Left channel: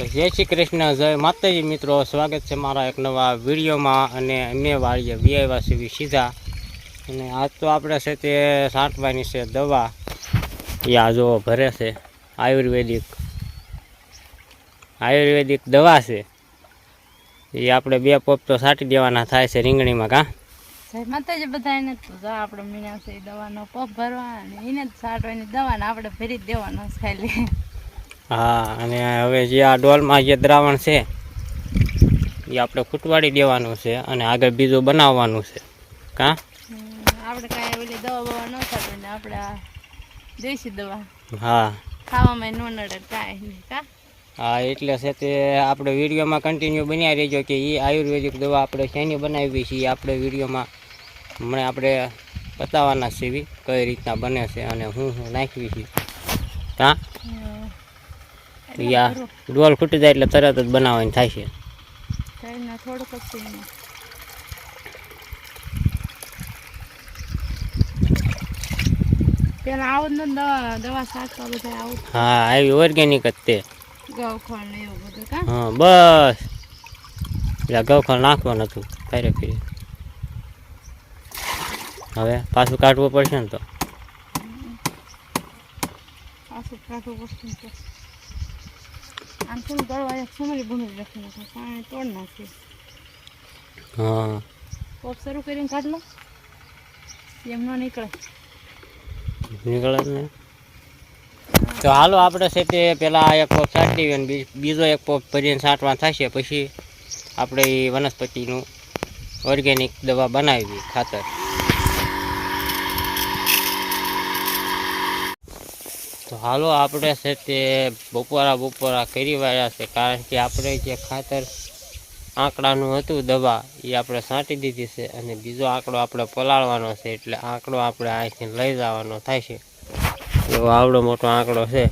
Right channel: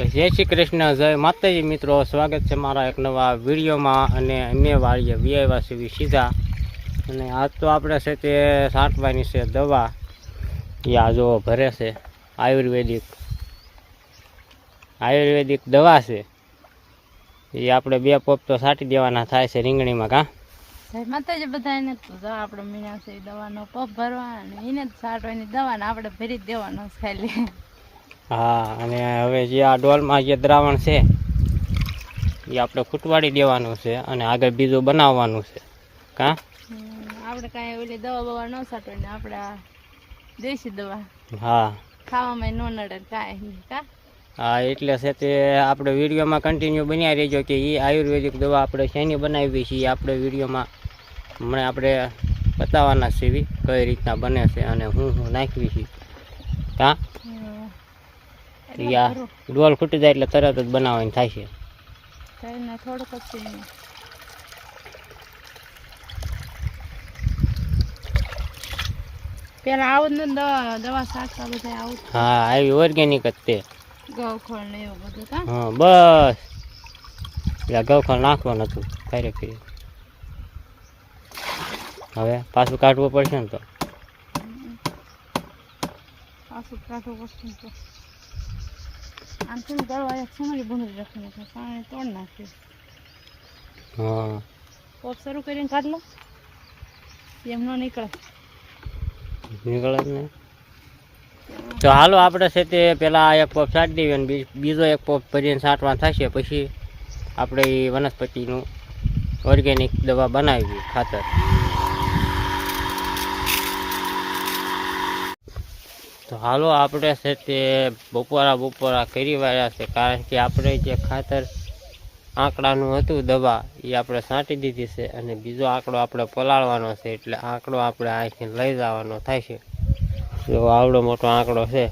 તો જય શ્રી કૃષ્ણ, જય માતાજી મિત્રો. સ્વાગત છે મારા એક નવા વિડીયોમાં અને અમે વાળીએ વીઆઈવાસી સીધા અને આજ તો આપણે છે તે છાંટવાની છે દવા. એ આ જો ભરે છે. આયુર્વેદિક. આયુર્વેદિક દવા છે. એ આપણે બે પોપ તો છાંટી દેવાના થાય છે રીંગણીમાં, કાં? માતાજી તો જો આપણે મીના દવાનો પોપ ભરવા એને જ છાંટવાની દવા ને આપણે ભરી દેવાનો ખાલી. હા અને હવે જે આ ડોલમાં જે દ્રાવણ છે એ આપણે ખૂટવાડી દેવાનું છે અને આગળ બીજું બનાવવાનું છે. કાં? આપણે કાંઈ ઓલી દવા બવા ન છાંટવાની આપણે દેશી દવા. હા. ખાવામાં ન નડે કાંઈ કા? હા એટલે છે તે આપણે વિડીયોમાં કન્ટિન્યુ બન્યા રહેજો કે એ આયુર્વેદિક દવા આપણે શેની બનાવી છીએ એ આપણે વિડીયોમાં હમણાં આપણે બતાવવાના છે કઈ રીતના બને છે અને હું હું નાખવી છે. કાં. આ ડોલ ખૂટી જાય એટલે તરત જ બનાવવાની થાય છે. થોડુંક જ પેલા આવું ને દવા દવા બધા આવું હા આવી ઓર્ગેનિક જ તે. ગવખોળ ને એવું બધું કા? હા બસ. એટલે ગવખળ નાખવાનું હતું ફેરે ફેરે હવે પાછું કાઢવું પડશે ને તો. પાછું કાઢવું પડશે તો. આમ છે ને ગળવા એક રાખી નાખે પાણી તોડ નાખી. હા. પોપ શરૂ કરીને કાઢ લો. એમ ન નીકળે. નીકળે ને. તો હાલો આપણે છે તે પેલા એક પોપ છાંટી દઈએ અને બીજો એક પોપ ભરીને છાંટવા થશે પછી આપણે એ વનસ્પતિનું ઓર્ગેનિક દવા બનાવી ખાતર. તો હાલો, આપણે છે તે બપોરા બપોરા કરી વાળ્યા છે, કારણ કે આપણે જે ખાતર આંકડાનું હતું દવા, એ આપણે છાંટી દીધી છે અને બીજો આંકડો આપણે પલાળવાનો છે, એટલે આંકડો આપણે અહીંથી લઈ જવાનો થાય છે. એવો આવડો મોટો આંકડો છે.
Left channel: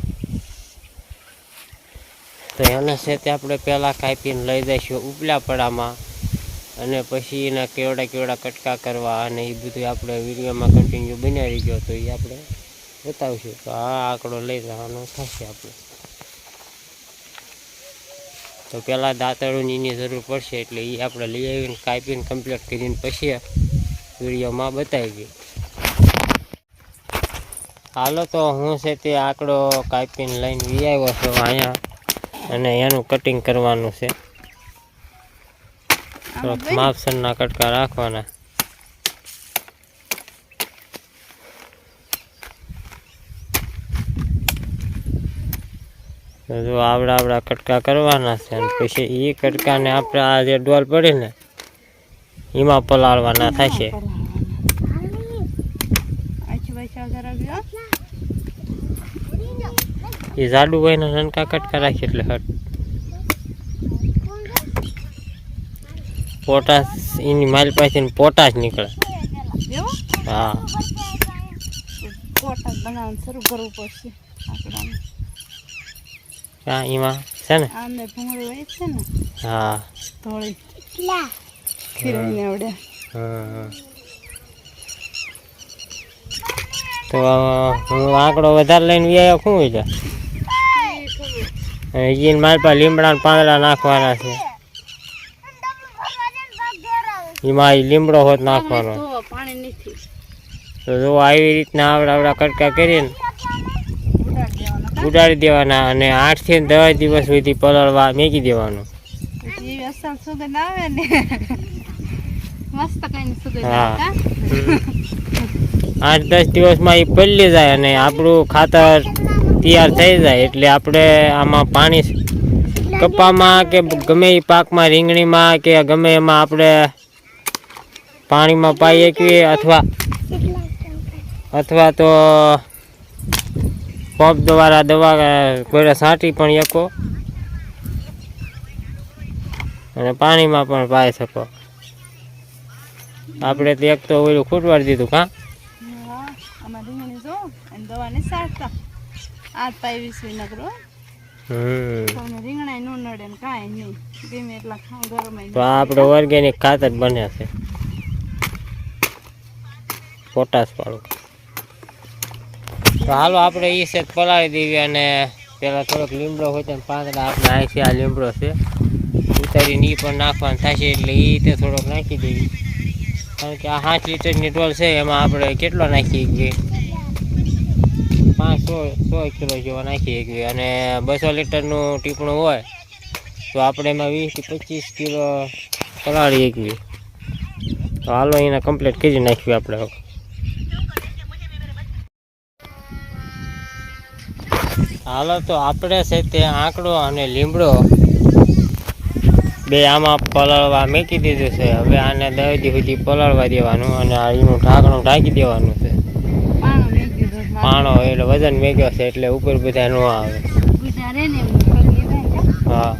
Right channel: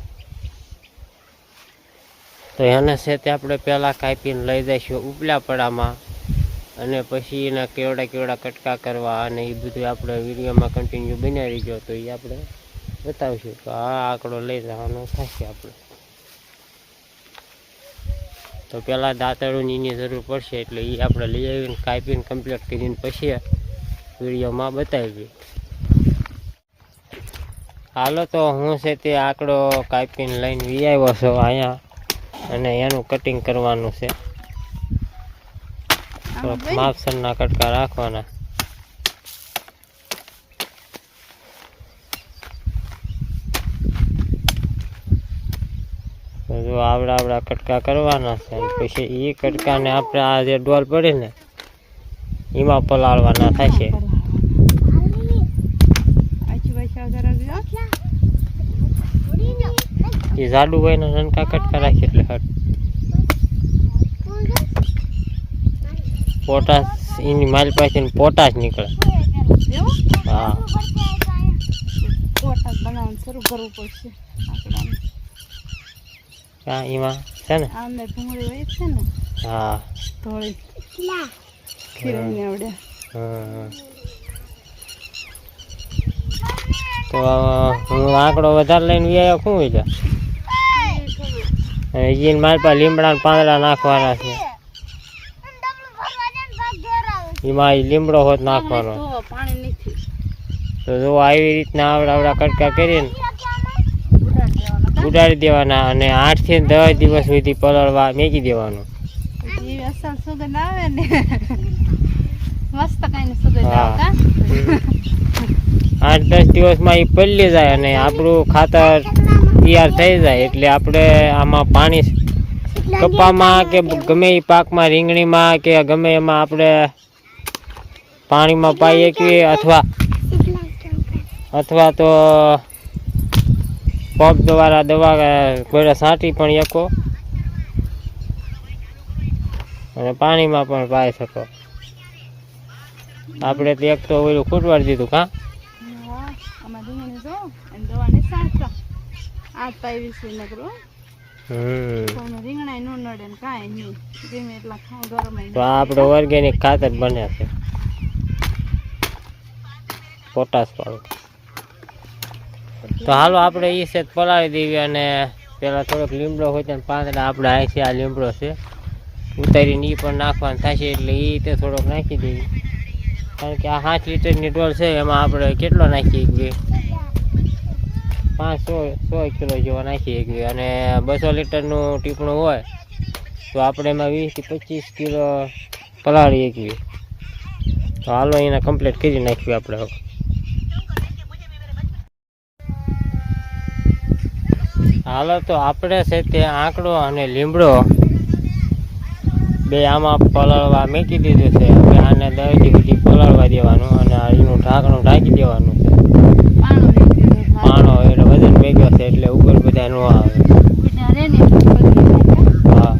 તો એને છે તે આપણે પહેલાં કાપીને લઈ જઈશું ઉપલા પડામાં અને પછી એના કેવડા કેવડા કટકા કરવા અને એ બધું આપણે વિડીયોમાં કન્ટિન્યુ બનાવી ગયો તો એ આપણે બતાવીશું. તો આ આંકડો લઈ જવાનો થશે આપણે. તો પહેલાં એની જરૂર પડશે એટલે એ આપણે લઈ આવીને કાપીને કમ્પ્લીટ કરીને પછી વિડીયોમાં બતાવી હાલો તો હું છે તે આંકડો કાપીને લઈને વી આવ્યો છું અહીંયા અને એનું કટિંગ કરવાનું છે. માપસરના કટકા રાખવાના. જો આવડા આવડા કટકા કરવાના છે અને પછી એ કટકાને આપણે આ જે ડોલ પડે ને, એમાં પલાળવાના થશે એ જાડુ હોય ને નનકા કટકા રાખીએ એટલે હટ. પોટાશ, એની માલ પાસે પોટાશ નીકળે. હા. પોટાશ બનાવવાનું શરૂ કરવું પડશે. હા એમાં છે ને? આમને ભૂંગળી હોય છે ને હા. આવડે. તો હું આંકડો વધારે લઈને વ્યાયો શું હોય છે? અને મારી પાસે લીમડા પાંદડા નાખવાના છે. એમાં લીમડો હોત નાખવાનો. તો પાણી તો જો આવી રીતના આવડા આવડા કટકા કરીને ઉડાડી દેવાના અને આઠથી દસ દિવસ સુધી પલળવા મેકી દેવાનું. સુગંધ આવે ને. મસ્ત સુગંધ હા. આઠ દસ દિવસમાં એ પલળી જાય અને આપણું ખાતર તૈયાર થઈ જાય એટલે આપણે આમાં પાણી કપામાં કે ગમે એ પાકમાં રીંગણીમાં કે ગમે એમાં આપણે પાણીમાં પાઈ શકીએ અથવા અથવા તો પગ દ્વારા દવા કોઈ છાંટી પણ શકો. અને પાણીમાં પણ પાઈ શકો. આપણે તો એક તો ઓલું ખૂટવાડી દીધું કાં તો આ ઓર્ગેનિક ખાતર બને છે. પોટાશ વાળું. તો હાલો આપણે એ છે પલાળી દેવી અને પેલા થોડોક લીમડો હોય તો પાંદડા આપણે આ છે, આ લીમડો છે. ઉતારીને એ પણ નાખવાનું થશે એટલે એ તે થોડોક નાખી દેવી. કારણ કે આ પાંચ લીટરની ડોલ છે, એમાં આપણે કેટલો નાખી એકવી પાંચ, સો સો કિલો જેવા નાખી એકવી અને બસો લીટરનું ટીપણું હોય, તો આપણે એમાં વીસથી પચીસ કિલો પલાળી એકવી તો હાલો એને કમ્પ્લીટ કરી નાખ્યું આપણે હાલો તો આપણે છે તે આંકડો અને લીમડો બે આમાં પલાળવા મૂકી દીધું છે. હવે આને દસ દી સુધી પલાળવા દેવાનું અને એનું ઢાંકણું ઢાંકી દેવાનું છે. પાણો એટલે વજન મેગ્યો છે એટલે ઉપર બધા ન આવે. હા.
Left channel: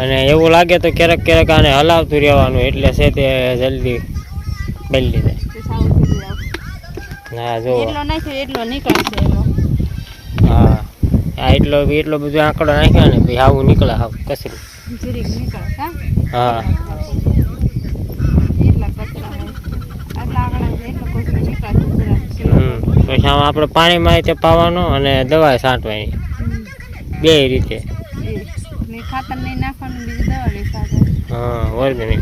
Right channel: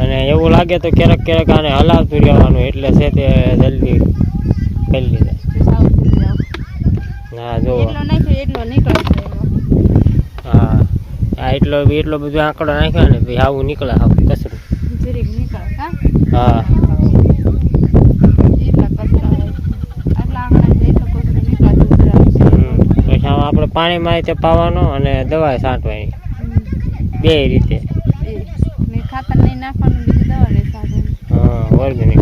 અને એવું લાગે તો ક્યારેક ક્યારેક આને હલાવતું રહેવાનું એટલે છે તે જલ્દી કરી જાય. ના હા એટલો નીકળશે આ એટલો એટલો બધો આંકડો નાખ્યો ને ભાઈ આવું નીકળે આવું કચરું. જરીક નીકળે કા? હા. પછી આપણે પાણીમાં રીતે પાવાનો અને દવા છાંટવાની. બે રીતે. ખાતર નહીં નાખવાનું બીજી દવા નહીં સાથે હા ઓર્ગેનિક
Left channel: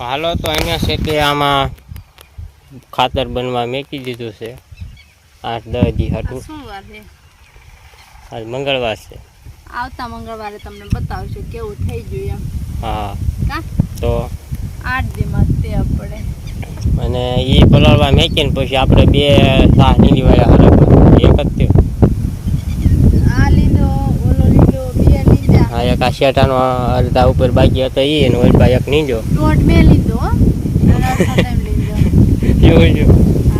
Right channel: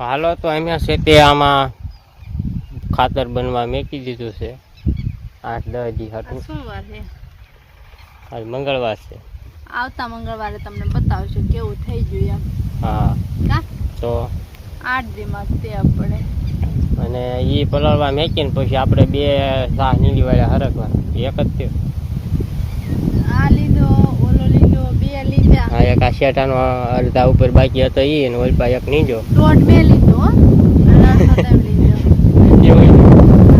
હાલો તો અહીંયા છે તે આમાં ખાતર બનવા મેકી દીધું છે. આઠ દસ દી હતું. શું વાર છે. આજ મંગળવાર છે. આવતા મંગળવારે તમને બતાવશું કેવું થઈ ગયું એમ. હા. કા? તો? આઠ દીમાં તે આપણે. અને એ પલાળવા મેકીને પછી આપણે બે શાહ નીંદી વાળા હરકવા એક જ થયો. આ લીધો ઓલો લીધો બે લીધા હા એક આ શેટાનો અડધા ઉપર બાકી હતો એ ને ઓલ એક નીજો. દોઢ બે લીધો હો. અડધો લીધો એવું છે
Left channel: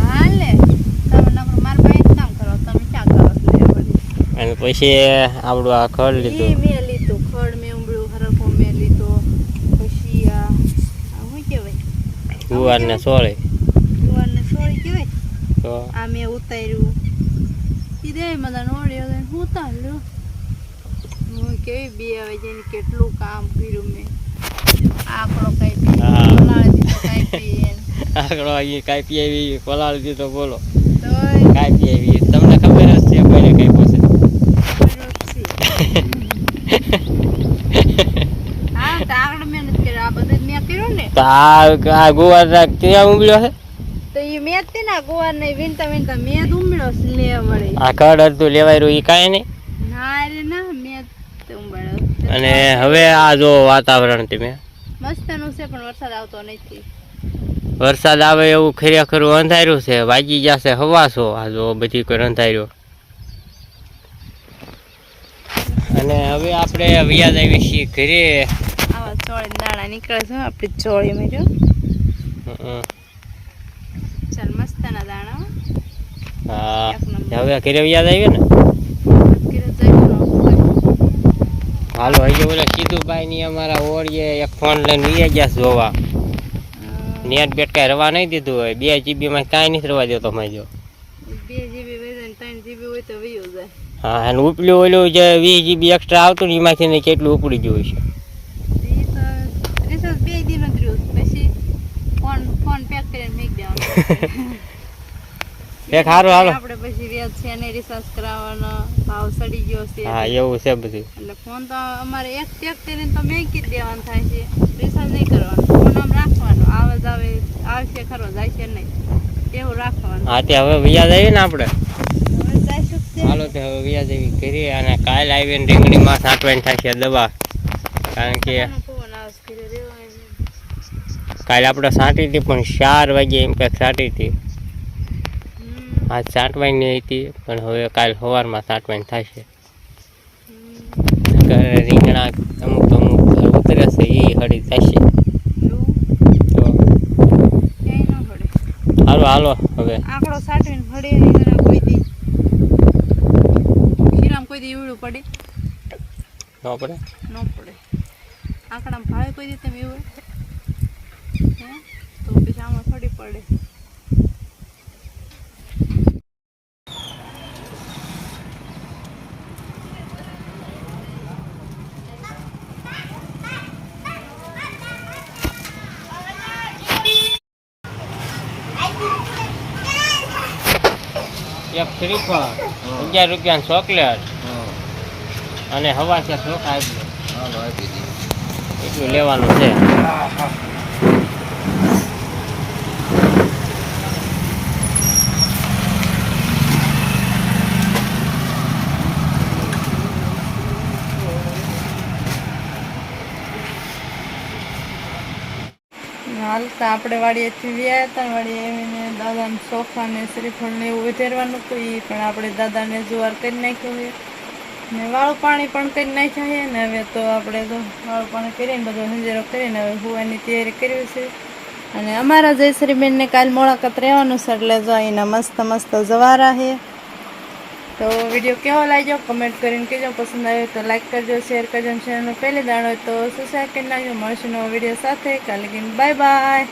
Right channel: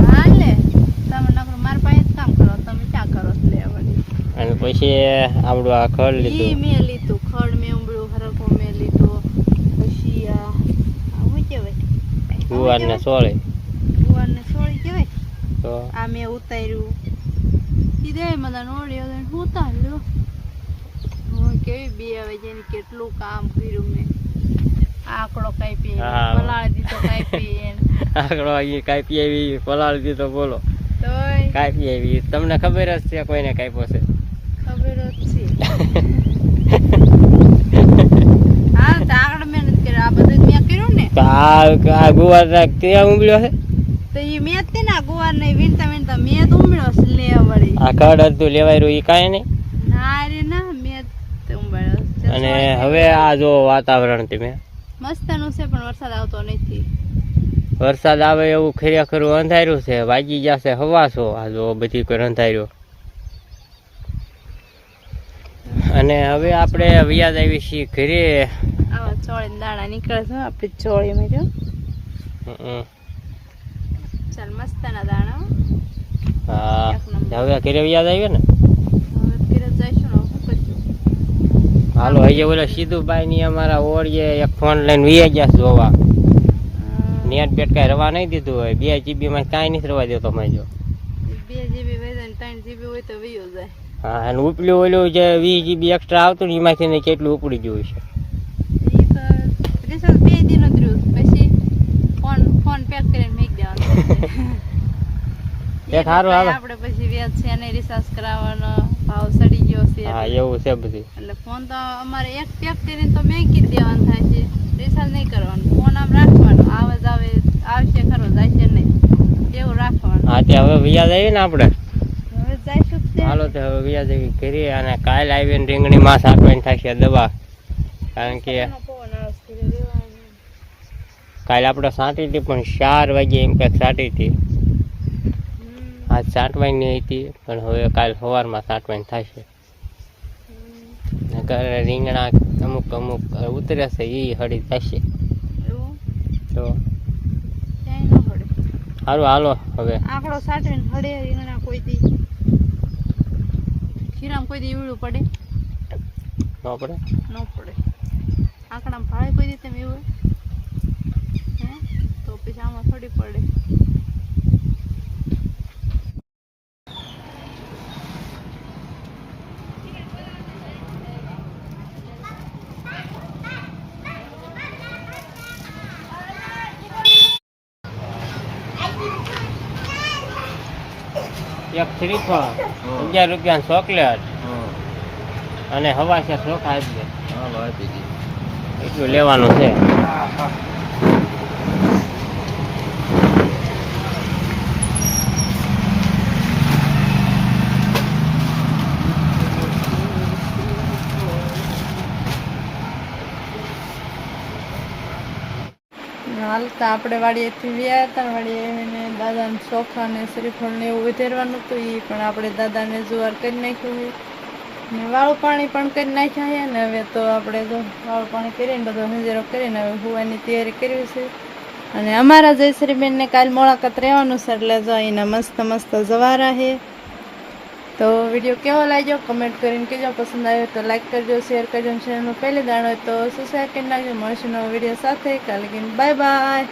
હા લે તમે નકરું મારા પાસે જ કામ કરો તમે ક્યાં કરો છો લે વળી અને પછી આપણું આ ખડ લીધું. મેં લીધું ખડ મેં ઉમળું હરખો મેં લીધો પછી આ શું કહેવાય? ગુવાર ને સોળે. ગુવારને સોળી કહેવાય? તો? આ મેં ઉતાર્યું. કીધે બધા નોડ્યો તો ઉતાર્યું? હું કેવી બે આવે જેને કેટલું કામ કર્યું મેં. આંકડો કાપી આકડો અહીં કાપી આવી પલાળી દીધો બોલો. કાપી આવી. તમને ખબર જ છે કોઈને કાપ્યો છે. આ તો ઉમળ્યો છે? તો એ મેં તે ને ગોવાર ને વીણતા વીણતા મેં જ ઉમળ્યો છે લે વળી. આ લેવાય રહ્યું એ ના રે ના મેં ઉમળ્યો અને હવે આ જો વાતાવરણ તમે. મસ્તનું છે પણ વરસાદ આવતો નથી. વરસાદ આવે એવું ખરેખર અંધાર્યું છે વાગી જશે હવાસો આ જો બધી કોઈ અંધાર્યો અને હવે આપણે વ્યાજ આવી છીએ ઘરે. આવા ચોળી દાણા નીકળે છે આપણી ચોળીમાં જો હમ. ચાલ મસ્તના દાણા હા. હવે ઘરે વ્યાજ આવ્યો ને? ને. હાલો હજી ઓલા સીધુભાઈ ની અમારા ઓળીએ એક ફોન લઈને વીએ ગયા જોવા. નેટ બેટ કાંઈ રવા નહીં દીધું હોય બે જીબી માં કાંઈ નથી રવા દેતો મેં જો બે જીબી હોય ને ત્રણ જીબી હોય તો વયો જાય હા અને ઉપલું ઓલું જે વીસ જીબી એક્સ્ટ્રા આવતું ને એમાંથી ને કેટલું ઉપડી ગયું છે? એ બે દિન જ પછી ફોન ફોન પેક સારું હાલો. આપણે પછી વ્યાજ છે ને રિસર્ચ કરાવવાનો ભાવ સડી ગયો છે હા એવું છે બધું. એટલે ફોન તો અમારે એક પેક કરીને તો મેં જ દેવાનું થાય છે રિસાર્જ નહીં કરવાનું. ફોન આમ રાખવાનો આવે જ આવે આવશે ખરો જાય છે નહીં એવું રાખવાનું. હા તે હવે વ્યાજ આવી ને આપણે? હવે જઈશું જ તે. હાલો તે હવે વ્યાજ એવી કરીએ અને કાલ આવીને રીંગણીમાં સાટવાની થશે દવા કારણ કે. કાલે આપણે સાંટી હતી પણ ચાર વાગે એમ કંઈક સાંટી હતી. આજ સાંટવાની હતી પણ હવે કાલ સવારમાં સાંટવાની થશે. રીંગણા અમુક અમુક ઉતરે છે એ હળી થશે. તો હાલો હાલો હવે. આંકડો સાટવીને હળી રીંગણા કોઈ કોઈ દીવડું પડે? ન પડે? ન પડે. આંકડામાં ભાવે કોઈ રીતે એવું હે? તો પછી આમાં થોડી પડે. એક શ્રીફળ અગિયાર રૂપિયાની ચોકલેટ. અને હવા છે ચોખા આપી દે. એટલું લેવાનું છે. હાલતા આપણે વાડીએથી વ્યા હતા ને વાડીએ આવીને દાદાને સોફા ને શ્રીફળ ને એવું ઉધેરવાનું હતું એ પણ આપણે દાદાને જુવાર કરી નાખ્યું છે. ને વાળું પાણી પણ કરી નાખ્યા છે ને હવે તો આપણે તો વાળું પાણી કરીને બધો હંજેરો કરીને હવે હોવાની તૈયારી કરવી છે. અને અમારા જયશ્રીબેનને કાલ મુલાકાત રહેવાનું છે એટલે જો અહીંના મસ્ત મસ્ત જવારા છે. તો વીડિયો કેવો લાગ્યો? કમેન્ટ કરીને કહેજો. પસંદ આવ્યો તો લાઈક કરજો શેર કરજો ચેનલનો પહેલી દાણ તો સબસ્ક્રાઈબ કરી નાખજો. મળશે નવો વીડિયો સાથે. કાલે બાય બાય